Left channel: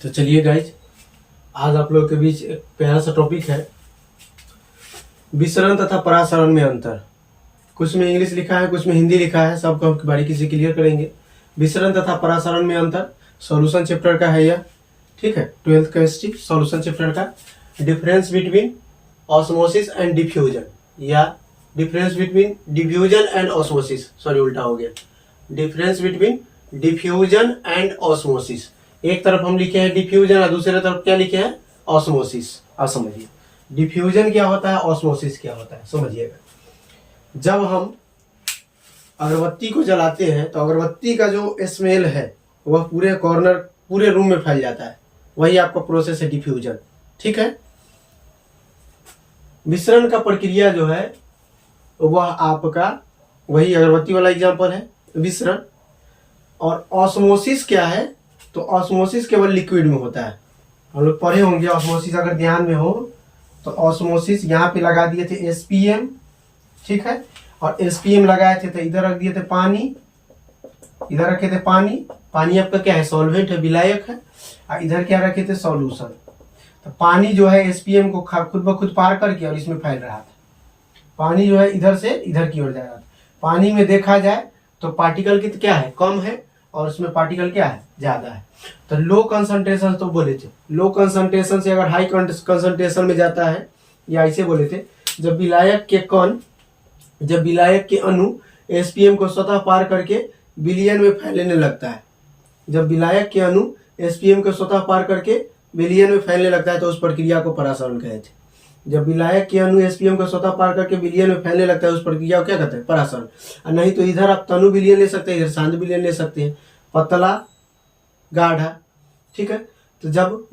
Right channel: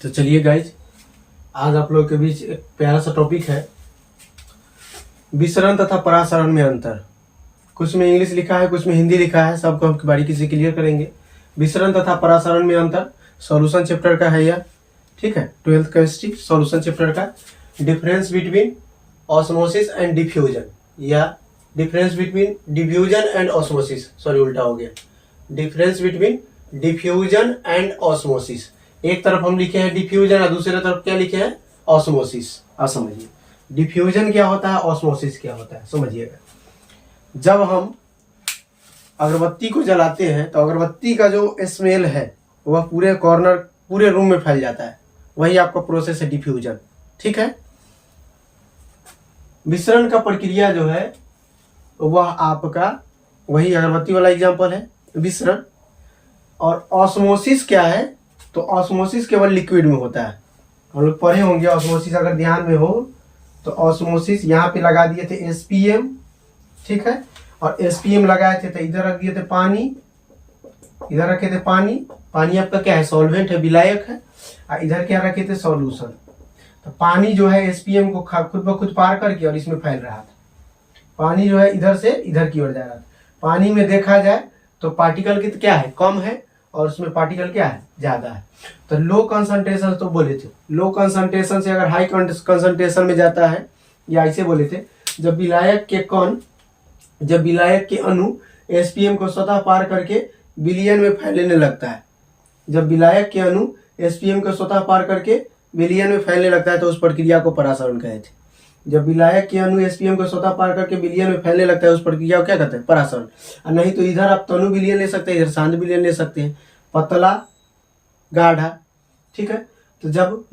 तो चलिए गाइज, आज आप लोगों के बीच एक प्यारा सा टॉपिक है, विसरण तथा परासरण में अंतर। कुछ में इंग्लिश लिखा है, कुछ में हिंदी लिखा है, सबको हम बारीकी से क्लियर करेंगे। विसरण तथा परासरण में अंतर सॉल्यूशन चैप्टर का है यह, ठीक है, 12th केमिस्ट्री सॉल्यूशन चैप्टर का। Difference between osmosis and diffusion, या difference between diffusion and osmosis, sorry उल्टा हो गया, difference between diffusion and osmosis. एक तरफ हम लिखे हैं डिफ्यूजन और दूसरी तरफ क्या लिखे हैं, ऑस्मोसिस। अब समझिए डिफ्यूजन क्या होता है, ऑस्मोसिस क्या होता है, समझिएगा। जब हम अगरबत्ती को जलाते हैं तो अगरबत्ती का जो स्मेल है वह पूरे कॉर्नर, पूरे रूम में फैल जाता है, वही आपका प्रोसेस है डिफ्यूजन, ठीक है। मिश्रण का प्रक्रिया जो है वह आपका वही अगरबत्ती वाला एग्जांपल है, मिश्रण। और ऑस्मोसिस क्या है, तो ऑस्मोसिस केवल लिक्विड में होता है। हम लोग पढ़े होंगे ऑस्मोसिस, अगर ध्यान में हो तो ऑस्मोसिस यहाँ पे लगा दिए थे एसपीएम, ठीक है, और एसपीएम लगाए थे तो इधर रख दिए थे पानी, इधर रखे थे पानी। पानी आपका क्या है, सॉल्वेंट है, विलायक है, और इधर क्या रखे थे, सॉल्यूशन। तो पानी जो है एसपीएम को खुद ब खुद पार करके और इसमें फैल रहा था। पानी जो है इधर से इधर की ओर जा रहा था। पानी में देखा जाए तो पार्टिकल की क्या है, कम है, और उसमें पार्टिकल क्या है, ज्यादा है। तो लो कंसंट्रेशन तो बोले थे, लो कंसंट्रेशन से अगर हाई कंसंट्रेशन में जाता है, या ऐसे बोले थे, जब विलायक के कण, जब विलायक के अणु एसपीएम को स्वतः पार करके विलयन में फैलने लगता है, जब विलायक के अणु एसपीएम को स्वतः पार करके विलयन में फैलने लगता है तो उस प्रक्रिया को परासरण कहे थे। जब विलायक के अणु एसपीएम को स्वतः पार करके विलयन में फैलने लगता है उस प्रक्रिया को क्या कहते हैं, परासरण। और नहीं तो इधर आप तनु विलयन ले सकते हैं, इधर सांद्र विलयन ले सकते हैं, पतला गाढ़ा, ठीक है। तो जब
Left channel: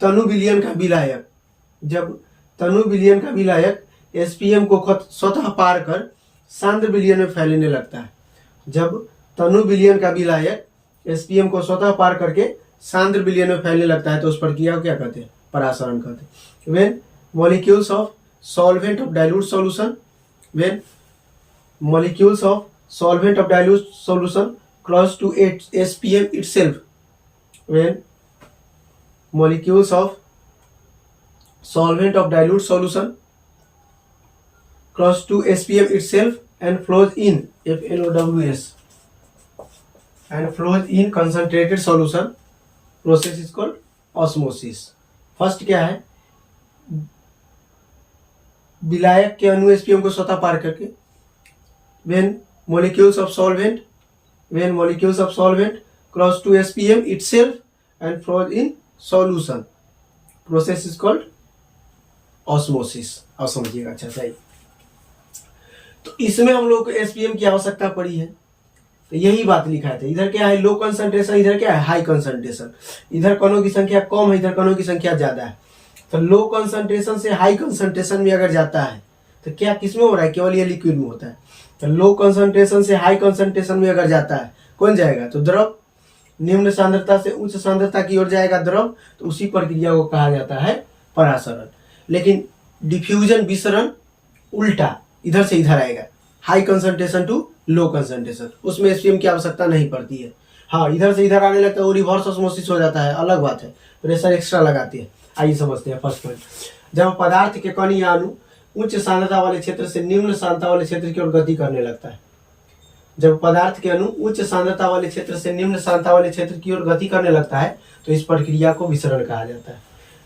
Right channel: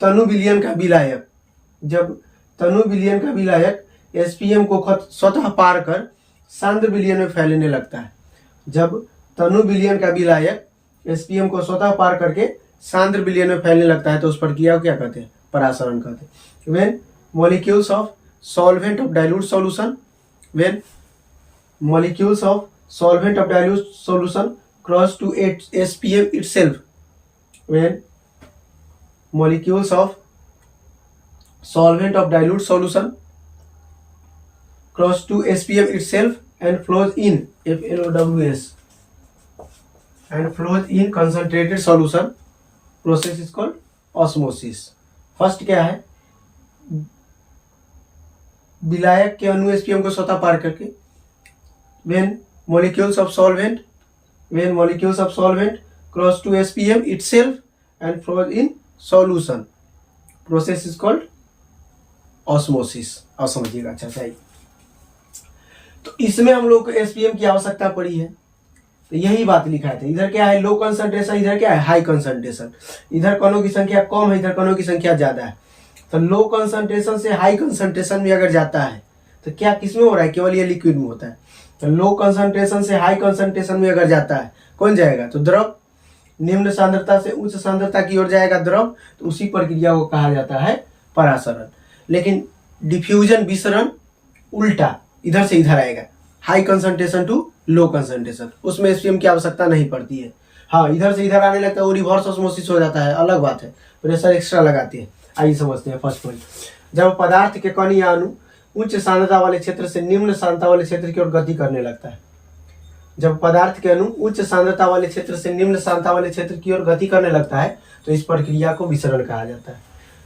तनु विलयन का विलायक, जब तनु विलयन का विलायक एसपीएम को स्वतः पार कर सांद्र विलयन में फैलने लगता है, जब तनु विलयन का विलायक एसपीएम को स्वतः पार करके सांद्र विलयन में फैलने लगता है तो उस प्रक्रिया को क्या कहते हैं, परासरण कहते हैं। When molecules of solvent of dilute solution, when molecules of solvent of dilute solution cross to SPM itself, when molecules of solvent of dilute solution cross to SPM itself and flows in FNOWS and flows in concentrated solution, process is called osmosis. First क्या है, विलायक के अणु SPM को स्वतः पार करके, when molecules of solvent cross to SPM itself and flows in solution, process is called osmosis। अब समझिएगा अच्छा सही। तो इसमें हम लोग को SPM की आवश्यकता पड़ी है, तो यही बात लिखा है। इधर क्या है, लो कंसंट्रेशन, इधर क्या है, हाई कंसंट्रेशन। इधर कणों की संख्या कम है, इधर कणों की संख्या ज्यादा है। तो लो कंसंट्रेशन से हाई कंसंट्रेशन में अगर जाता है तो क्या किसमें हो रहा है, केवल ये लिक्विड में होता है। तो लो कंसंट्रेशन से हाई कंसंट्रेशन में अगर जाता है कौन जाएगा, तो द्रव। निम्न सांद्रता से उच्च सांद्रता की ओर जाएगा द्रव, तो उसी प्रक्रिया को कहा जाता है परासरण। लेकिन डिफ्यूजन, विसरण उल्टा, इधर से इधर आएगा, high concentration to low concentration, उसमें एसपीएम की आवश्यकता नहीं पड़ती है। हाँ, इधर से इधर आने लगता है वो रिवर्स ऑस्मोसिस हो जाता है, अलग बात है, प्रेशर एक्स्ट्रा लगाते हैं। आइए समझते हैं फर्स्ट पॉइंट। जब पदार्थ के कण या अणु उच्च सांद्रता वाले क्षेत्र से निम्न सांद्रता वाले क्षेत्र की ओर गति करने लगता है, जब पदार्थ के अणु उच्च सांद्रता वाले क्षेत्र से निम्न सांद्रता वाले क्षेत्र की ओर गति करने लगता है तो इस प्रक्रिया को विसरण कहा जाता है।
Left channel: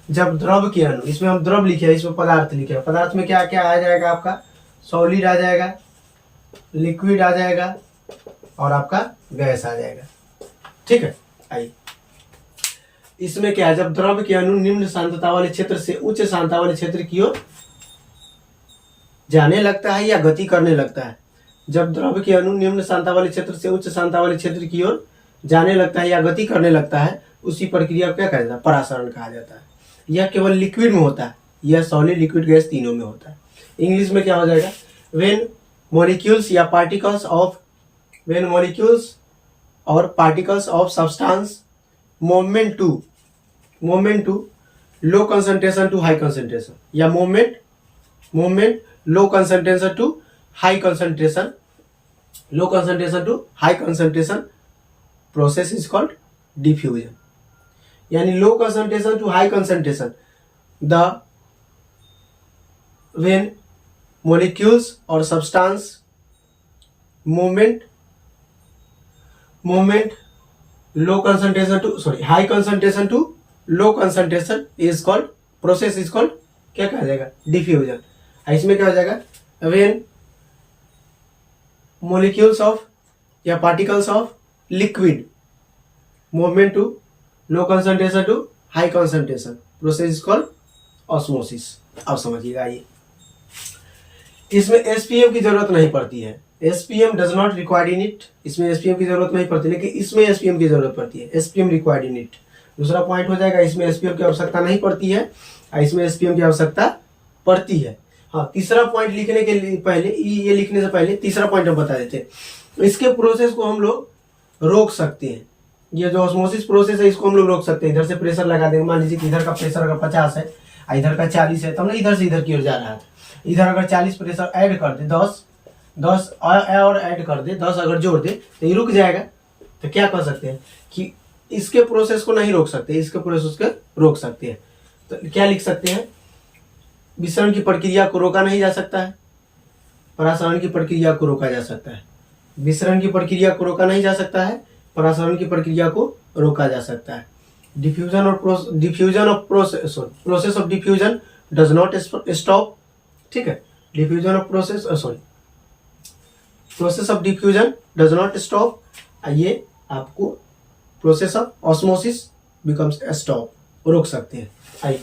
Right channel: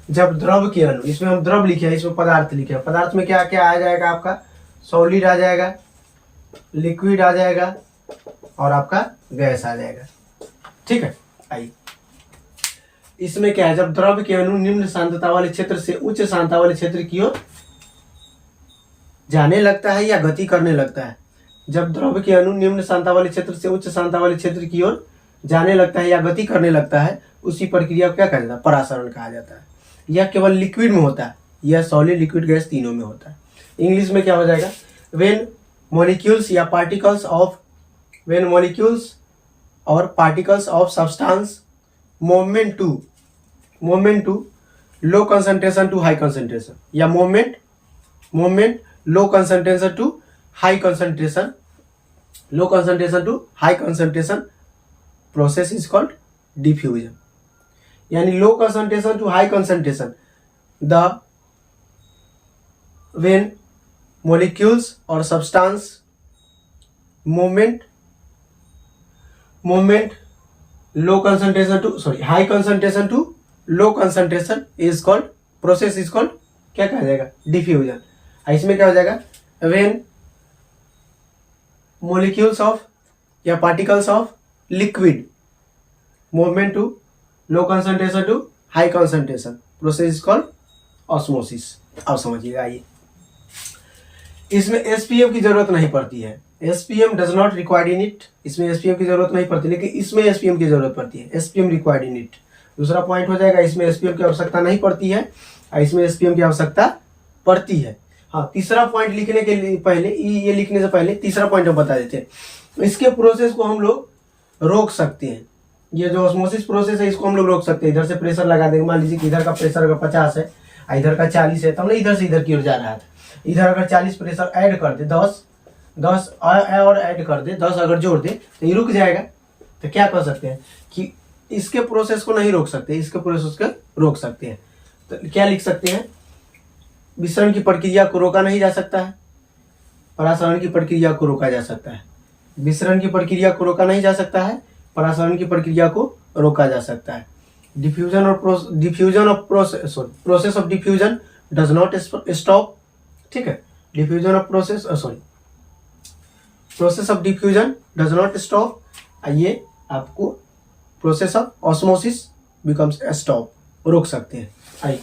जब द्रव के अणु, इसमें हम द्रव लिखे हैं, इसमें पदार्थ लिखे हैं, पदार्थ में क्या क्या आ जाएगा, आपका सॉलिड आ जाएगा, लिक्विड आ जाएगा और आपका गैस आ जाएगा, ठीक है। आइए इसमें क्या है, जब द्रव के अणु निम्न सांद्रता वाले क्षेत्र से उच्च सांद्रता वाले क्षेत्र की ओर जाने लगता है या गति करने लगता है, जब द्रव के अणु निम्न सांद्रता वाले क्षेत्र से उच्च सांद्रता वाले क्षेत्र की ओर जाने लगता है या गति करने लगता है, उसी प्रक्रिया को क्या कहा जाता है, परासरण कहा जाता है। यह केवल लिक्विड में होता है, यह सॉलिड, लिक्विड, गैस तीनों में होता है। इंग्लिश में क्या हो जाएगा, व्हेन मॉलिक्यूल्स या पार्टिकल्स ऑफ, व्हेन मॉलिक्यूल्स और particles of substance movement to low concentration to high concentration, या movement low concentration to high concentration, low concentration to high concentration, process is called diffusion, यानी low concentration to high concentration, the when molecules और substance movement low concentration to high concentration to low concentration is called process is called क्या कहा जाएगा, diffusion. इसमें क्या हो जाएगा, when molecules of या particles of liquid movement to low concentration to high concentration process is called osmosis। अब समझिएगा, ये इसमें एसपीएम की जरूरत नहीं पड़ती है, SPM does not required in it, इसमें एसपीएम की जरूरत नहीं पड़ती, लेकिन इसमें एसपीएम की जरूरत पड़ती है, एसपीएम रिक्वायर्ड इन इट। दूसरा पॉइंट हो जाएगा, इसमें एसपीएम की आवश्यकता नहीं पड़ती है और इसमें एसपीएम की आवश्यकता पड़ती है। हाँ, तीसरा पॉइंट लिखने के लिए पहले, ये लिखने से पहले तीसरा पॉइंट हम बता देते हैं। इसके प्रोसेस को हम लोग रोक सकते हैं, ये जो ऑस्मोसिस प्रोसेस है इसको हम लोग रोक सकते हैं। इधर से प्रेशर लगा देंगे, मान लीजिए कि इधर का प्रेशर अगर 50 है, इधर का 40 है, तब ना इधर से इधर की ओर जा रहा था, इधर अगर 40 प्रेशर ऐड कर दे, 10 और ऐड कर दे, 10 अगर जोड़ दे तो ये रुक जाएगा। तो क्या कर सकते हैं कि इसके प्रोसेस को नहीं रोक सकते, इसके प्रोसेस को रोक सकते हैं। तो क्या लिख सकते हैं, विसरण की प्रक्रिया को रोका नहीं जा सकता है, परासरण की प्रक्रिया को रोका जा सकता है। विसरण की प्रक्रिया को रोका नहीं जा सकता है, परासरण की प्रक्रिया को रोका जा सकता है। Process of diffusion does not stop, ठीक है, diffusion of process of diffusion does not stop, ये आपको process of osmosis becomes stop, रोक सकते हैं। आइए,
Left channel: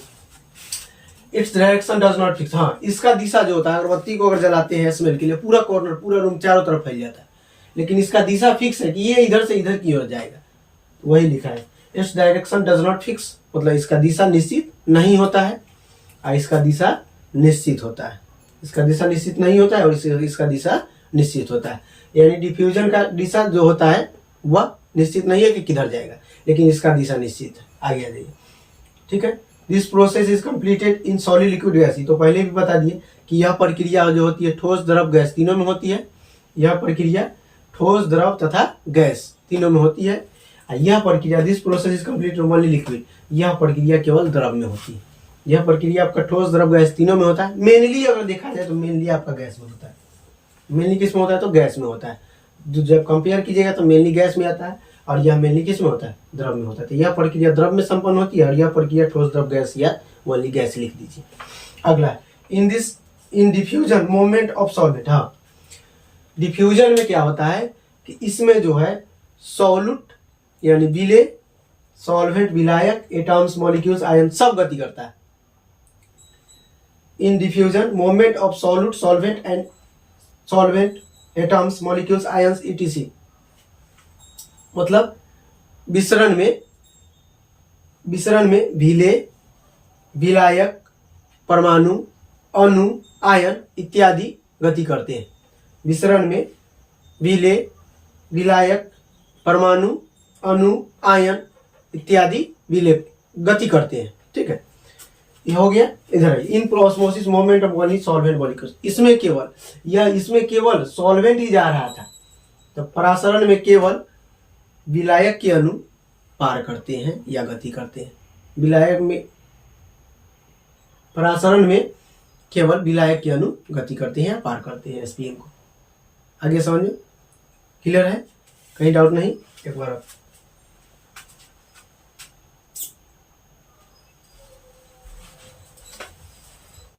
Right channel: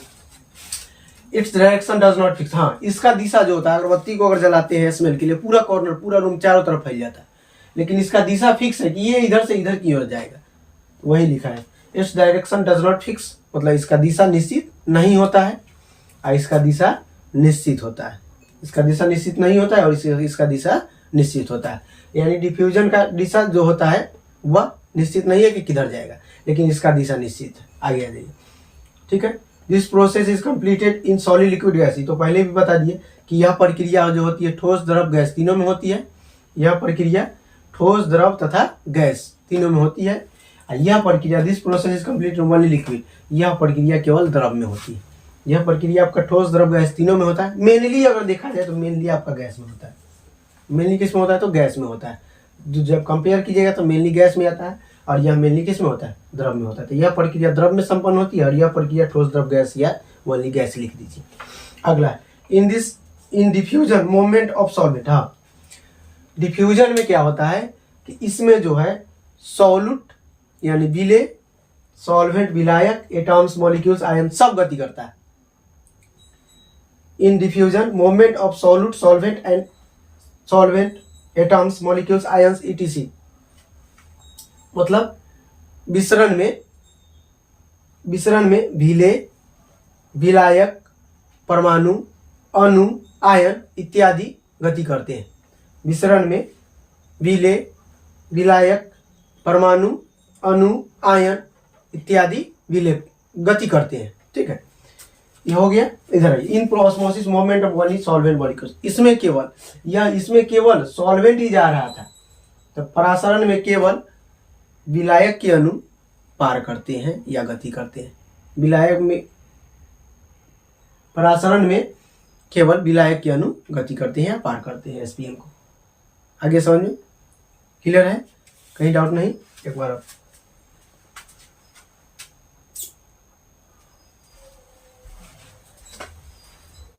its direction does not fix, हाँ, इसका दिशा जो होता है, अगरबत्ती को अगर जलाते हैं स्मेल के लिए, पूरा कॉर्नर, पूरा रूम चारों तरफ फैल जाता है, लेकिन इसका दिशा फिक्स है कि ये इधर से इधर की ओर जाएगा, वही लिखा है। Its direction does not fix, मतलब इसका दिशा निश्चित नहीं होता है और इसका दिशा निश्चित होता है, इसका दिशा निश्चित नहीं होता है और इसका दिशा निश्चित होता है। यानी डिफ्यूजन का दिशा जो होता है वह निश्चित नहीं है कि किधर जाएगा, लेकिन इसका दिशा निश्चित है। आगे आ जाइए, ठीक है। This process is completed in solid liquid gas, तो पहले भी बता दिए कि यह प्रक्रिया जो होती है ठोस, द्रव, गैस तीनों में होती है। यह प्रक्रिया ठोस, द्रव तथा गैस तीनों में होती है। यह प्रक्रिया, this process is completed only liquid, यह प्रक्रिया केवल द्रव में होती है। यह प्रक्रिया आपका ठोस, द्रव, गैस तीनों में होता है। मेनली अगर देखा जाए तो मेनली आपका गैस में होता है, मेनली किस में होता है, तो गैस में होता है। जब कंपेयर कीजिएगा तो मेनली गैस में आता है और यह मेनली किस में होता है, द्रव में होता है। तो यह प्रक्रिया द्रव में संपन्न होती है और यह प्रक्रिया ठोस, द्रव, गैस या ओनली गैस लिख दीजिए। अगला, इन डिफ्यूजन मूवमेंट ऑफ सॉल्वेंट, हाँ, डिफ्यूजन में क्या होता है कि इसमें जो है सॉल्यूट यानी विले, सॉल्वेंट, विलायक, एटम्स, मॉलिक्यूल्स, आयन सब गति करता है। In diffusion movement of solute, solvent and solvent, atoms, molecules, ions, etc, मतलब विसरण में विले, विलायक, परमाणु, अणु, आयन इत्यादि गति करते हैं। विसरण में विले, विलायक, परमाणु, अणु, आयन इत्यादि विले गति करते हैं, ठीक है। ये हो गया। इधर in osmosis movement of one solvent molecules, इसमें केवल सॉल्वेंट ही जा रहा था, तो परासरण में केवल विलायक के अणु पार करते हैं या गति करते हैं। विलायक में, परासरण में केवल विलायक के अणु गति करते हैं या पार करते हैं एसपीएम को। आगे समझ में क्लियर है, कहीं डाउट नहीं, एक बार